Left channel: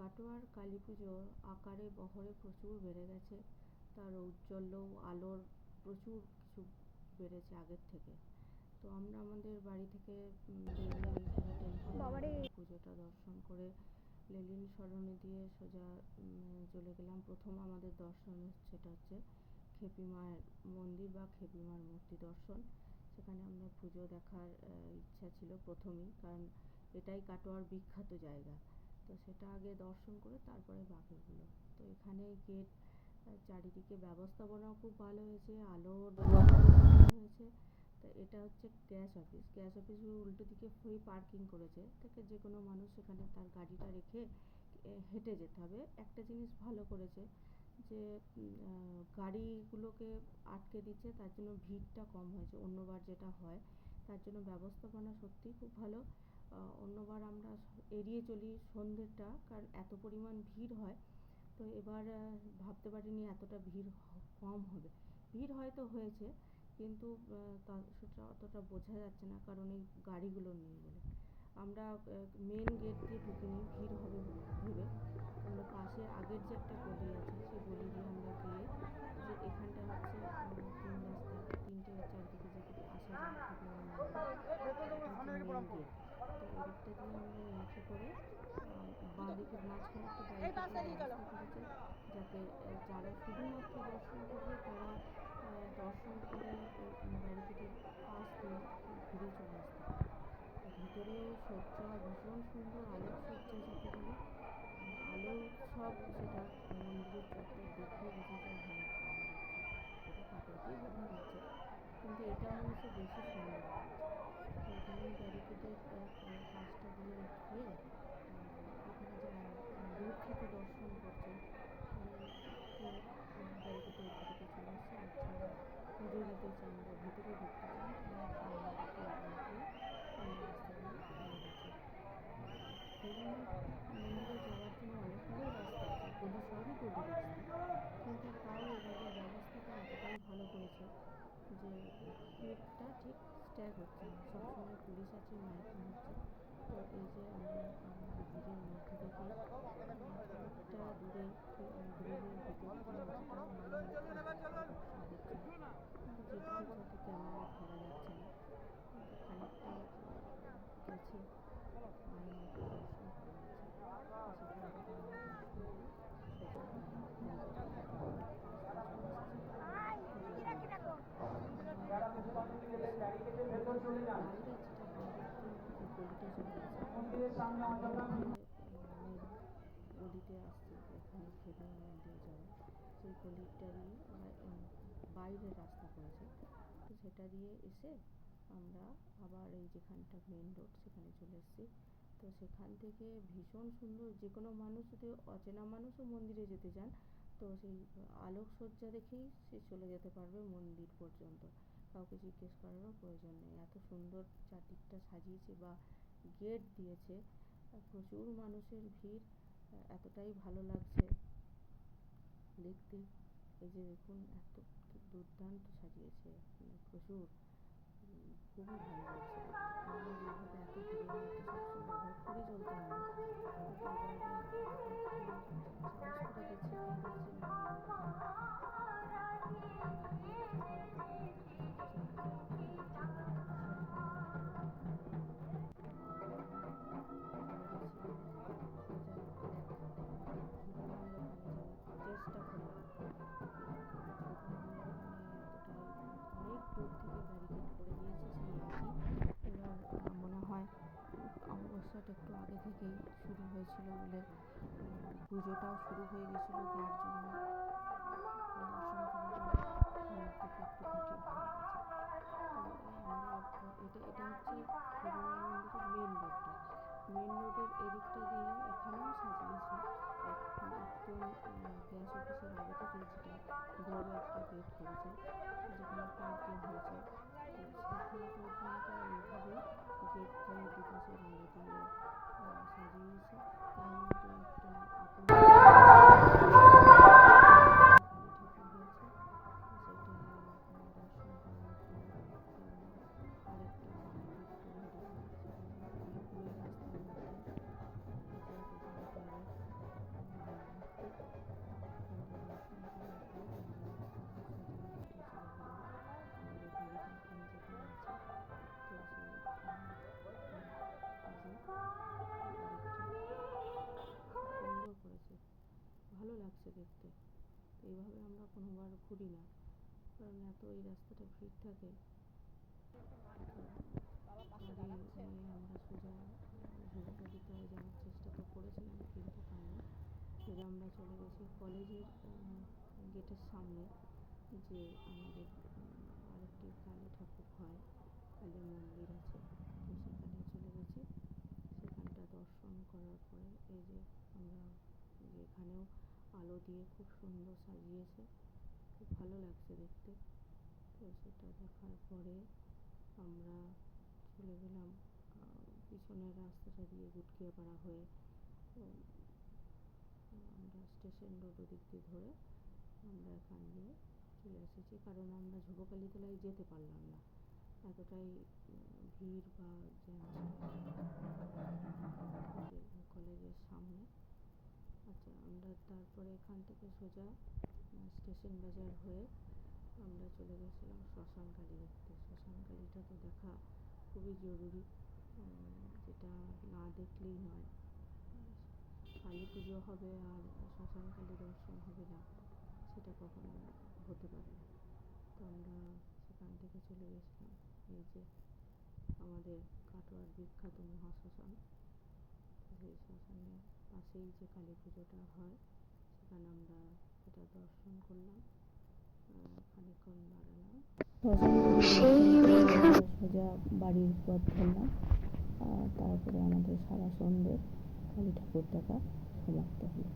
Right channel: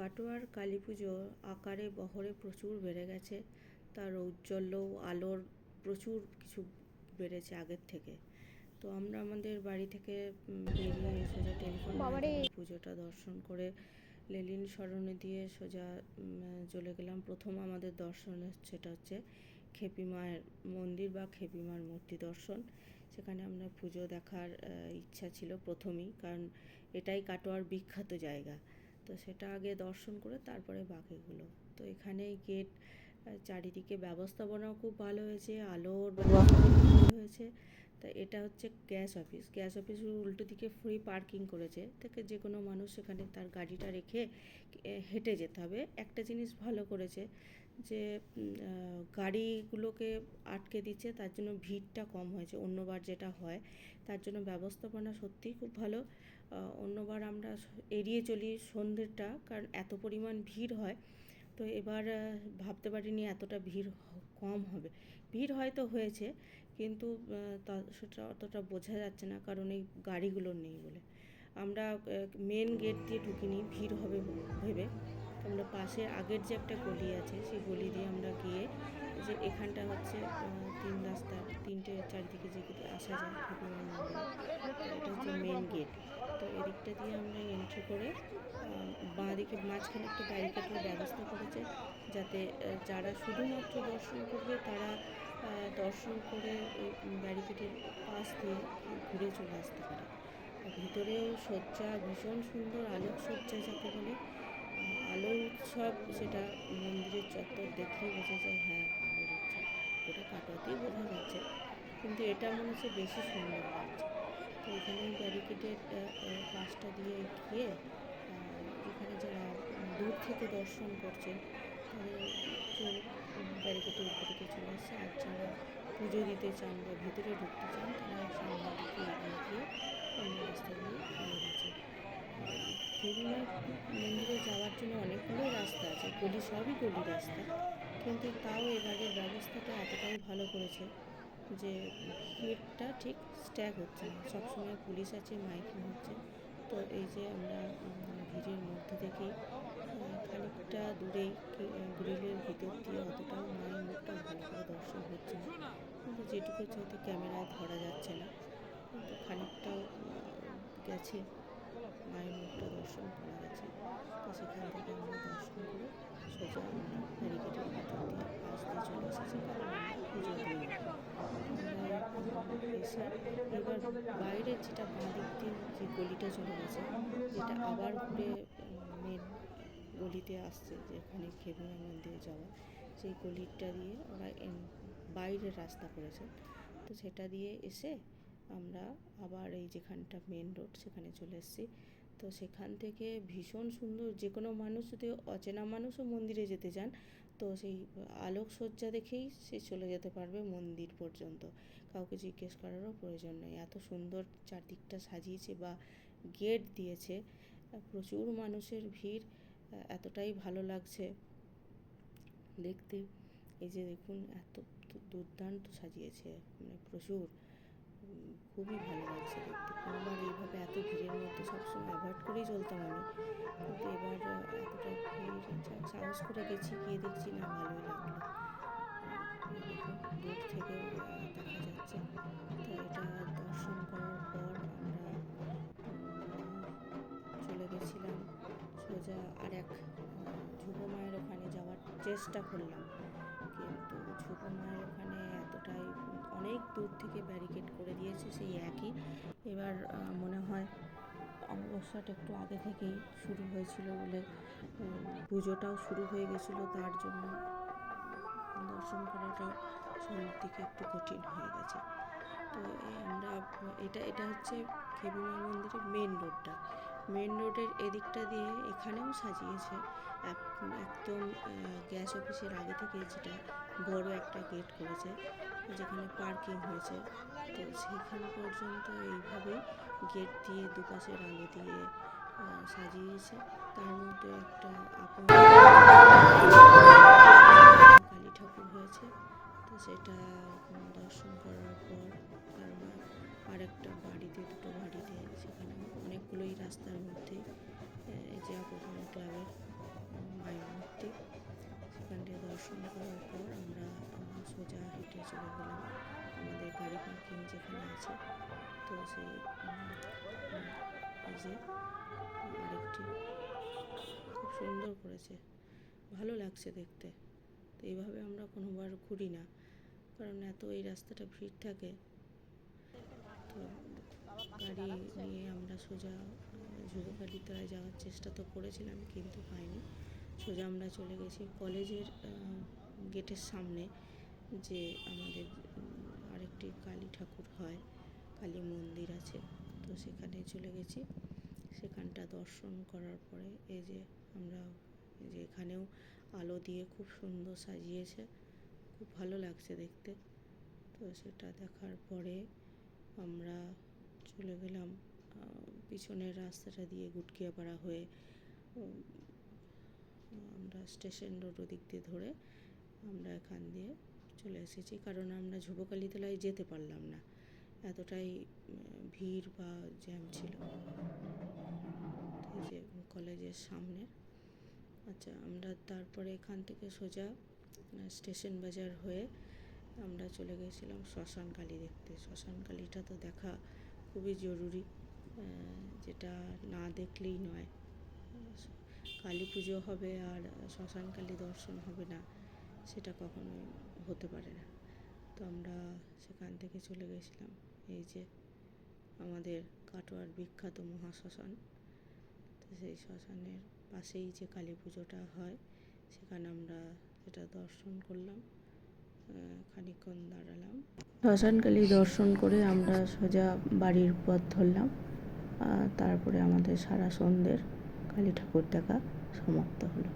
কাটোয়ার কালী পুজো আকারে বহরে প্রচুর বেড়ে গেছে। তার ঔজ্জ্বল্য আলোর প্রচুর কিছু বেড়েছে আগের থেকে। তো আমরা আমাদের বাড়ি থেকে বেরিয়ে সোজা টেলিফোন। পুজোটা দর্শন করে লেলিন সরণি দিয়ে সোজা চলে গেলাম। প্রথম আমাদের দর্শন সেটা হচ্ছে খেপি মায়ের মন্দির বা খেপি মার মূর্তি দর্শন। সেখানে আমরা পুজো দেখার ইচ্ছা ছিল প্রথমেই কারণ এটাই কাটোয়ার বিখ্যাত জায়গা। সেটা আগে দর্শন করে তারপরে বাকিগুলো তো এখানে গেট চারিদিকে ব্যবস্থাপনাও খুব ভালো হয়েছে, আলোর হয়েছে। তা এটা হচ্ছে গ্যাস অফিস গ্যাস অফিসের উল্টো দিকে ফ্রি পার্কিং করেছে। থেকে যে কোনো মানুষ সেখানে তার গাড়িটা রেখে হেঁটে যেতে হবে। একটা জিনিস ভালো করেছে যে গাড়িগুলোকে আটকে দিচ্ছে, তার জন্য ভিড়টা কম হয়েছে। অন্যবার যেটা হয়, তার জন্য ব্যবস্থাপনা সত্যিই খুব ভালো। অন্যবার আমরা এড়িয়ে চলি সন্ধ্যেটা, কারণ এত পরিমাণ ভিড় হয়। তো এবার ভাবতে পারিনি এতটা ভিড় কম হবে। ভিড় হয়তো হয়েছে, কিন্তু সেটা অতটা বোঝা যাচ্ছে না, কারণ এই গাড়িগুলো নেই বলে। আমরা মেন গেট দিয়ে ঢুকিনি, ভিড় হবে ভেবে। আমরা পাশে আগের যে একটা গলি আছে, সেই গলি দিয়ে আমরা গিয়ে যে এখানটা হচ্ছে তিন রাস্তা তিনটে চারদিকে যেদিকে আসা যায় এটা মেন গেট তো এদিকটা দিয়ে আমরা এন্ট্রি করে বাঁ দিকে মাঝখানে একটা ব্যারিকেডের ব্যবস্থা করেছে যাতে যারা শুধুমাত্র দর্শন করবে তারা দর্শন করে ব্যারিকেডের পাশ দিয়ে ঘুরে চলে আসতে পারে। আর ভিতরেও সজ্জা ভীষণ সুন্দর, আলোক সজ্জা যাকে বলে আলো উৎসব সেটা মন্দিরের চত্বর দেখলেই বোঝা যায় হ্যাঁ আলোর উৎসব। ওটা কাটোয়াতেই বোঝা যাচ্ছে। কিন্তু এটা মনে হচ্ছে বেশি সুন্দর লাগছে। এখানে ব্যারিকেডের পাশটা দিয়ে গিয়ে এখানে যারা দূর থেকে দর্শন করছেন, তাদের ব্যারিকেডের উপর দিকে চলে আসছে। আর যারা পুজো দিতে চান বা ভিতরে ঢুকতে চান, তারা সামনের দিকে এগিয়ে গিয়ে অন্য রাস্তা দিয়ে মন্দিরে যাওয়ার জন্য অনেকগুলো রাস্তা আছে। গলি সবই গলি রাস্তা। কিন্তু তাও এবারের ব্যবস্থাটা এতটাই ভালো করেছে যে ভিড়টা ঠিক স্ট্যাগ হচ্ছে না। সবসময় পুলিশ আছে মাইকিং হচ্ছে। তো এই যে আমরা ভিড়ের মধ্যে থেকেই খানিকটা দূরেই গ্রিলের ভিতর দিয়ে অতটাও মায়ের মুখটা দর্শন হচ্ছে না। কিন্তু যেটুকু হয়তো ক্যামেরায় ধরা যাচ্ছে না। কিন্তু খানিকটা গেছে মায়ের মুখটা দর্শন করা গেছে তো সেখান থেকে আমরা দর্শন করে সোজা ব্যারিকেডের ভিতর দিয়ে পাশ দিয়ে চলে এসেছি কারণ আমরা পুজো দিয়ে নেব। আমরা এসে এবার বাইরের যেটা বাঁ যে গলিটা চলে গেছে যেটা আবার ঘুরে মেন গলিতে আসছে, যেখানে খেবুয়া মন্দিরে যাওয়া। সেই গলিটা দিয়ে ওরা বাইরের রাস্তা করেছে। তো সেটা দিয়ে এসে আমরা আবার এই যেখানটা মেন রোড সেখানে চলে এসেছি। তো সেখান থেকে ভীষণ সুন্দর যে কোনো মানুষ যদি অচেনা মানুষও মন্দিরে যেতে চান, তো সেই আলোকসজ্জা দেখেই সে চলে যেতে পারবে মন্দির পর্যন্ত। কাউকে জিজ্ঞেস করারও প্রয়োজন নেই। এত সুন্দর চারদিকটা সাজিয়েছে বা গেট দিয়েছে। প্রচুর মানুষের ভিড়, এতটাই ভালো লাগছে দেখতে। এই যে দেখুন, এত দুর্দান্ত সাজিয়েছে মানে প্রচুর। খুবই ভালো লাগছে দেখতে। কোনোবার এইভাবে এত ভিড়ের মধ্যে সবসময় অ্যাভয়েড করেই চলতাম আমি কিন্তু এবার, এতটা ভিড় সাহস করে গেছি, গিয়ে দেখছি না, ভালোই লাগল। চেষ্টা করলাম। কিন্তু ধ্রুব মায়ের ওখানে এতটাই অনেক দূর থেকে ব্যারিকেড করে দিয়েছে সেই একই। এবার মনে হয় অমাবস্যাটা একটু আগে থেকেই শুরু হয়েছিল বলে পুজোটাও শুরু হয়ে গেছিল তার জন্য। দর্শন করাটাও সামনের দিকে একটু কঠিন হয়ে গেছে। তো আমরা, এটা এটা হচ্ছে খেবুমা মন্দিরের মেন রোডটা মেন রোডের এদিকটা দিয়ে এখানেও সাজিয়েছে। একদম গ্যাস অফিসের আগে থেকে যেটা বড় একটা গেট করেছে, যেখানে পার্কিং হয়েছে। তো সেখানে পর্যন্ত এইভাবেই গেট দিয়ে দুপাশের আলো দিয়ে সাজিয়েছে। তার মধ্যে একটা কালী ঠাকুর হয়েছে। তো সেটা দর্শন করার পর আমরা আরেকটা বাড়িতে, দুটো বাড়িতে সেখানে অনেকগুলোই রাস্তার মধ্যে দর্শন করার পর আমরা সোজা হেঁটে চলে গেলাম আমাদের বাড়ি পার্কিং যেখানে আছে তো সেই যে বাড়িটি খুব সুন্দর করেছে ভালো লাগছে দেখতে তো এইভাবে আমরা কোনোবার ঘুরি না কারণ এত এই রাস্তাটা ভিড় থাকে তো গাড়ি নিয়ে আমরা সোজা যুবকালীতলায় যাওয়ার চেষ্টা তো করেছিলাম কিন্তু পাইনি সোজা আমরা চলে গেছি কলেজের গেটের সামনে যে আমাদের আরেকটি কালী ঠাকুর হয়, কালী মন্দির আছে, তো সেখানে চলে গেছি। সেখানটা দর্শন করার পরে এই যে আমরা যে এখানেও আলো দিয়ে খুব সুন্দর সাজিয়েছে, খুব ভালো লাগছে দেখতে। তো সেটা দেখার পরে আমরা চলে গেলাম পিছনের রাস্তাটা দিয়ে গুটকিয়াপাড়া হয়ে আমরা স্টেশন রোড ওদিক দিয়ে ধরে আমরা এখান দিয়ে চলে এসেছি। কারণ আমরা যুবকালীতলায় যেতে পারলাম না। এতটাই ভিড় বা জ্যাম ছিল। যে কলেজের সামনে। আচ্ছা আমরা তারপরে এখান থেকে সোজা স্টেশন বাজার হয়ে আমরা চলে গেছিলাম শ্মশান কালী দেখতে। শ্মশান কালীটা তো দেখা খুবই জরুরি যেটা না দেখলেই নয়। কালী পুজো হবে আর শ্মশান কালী দর্শন হবে না সেটা কখনোই হতে পারে না। তো আমরা সেখান থেকে চলে গেছিলাম এই যে আমাদের কাটোয়ার বিখ্যাত মহাশ্মশান। তো সেই শ্মশানের পাশেই যে কালী পুজোটা হয় সেখানে আমরা সেটা দর্শন করলাম আহ, খানিকক্ষণ দাঁড়ালাম। শ্মশান কালী দর্শন করে আমরা সোজা বাড়ির পথ ধরলাম তারপরে আমাদের সারা সন্ধ্যের কালী ঠাকুর দেখা সমাপ্ত হলো।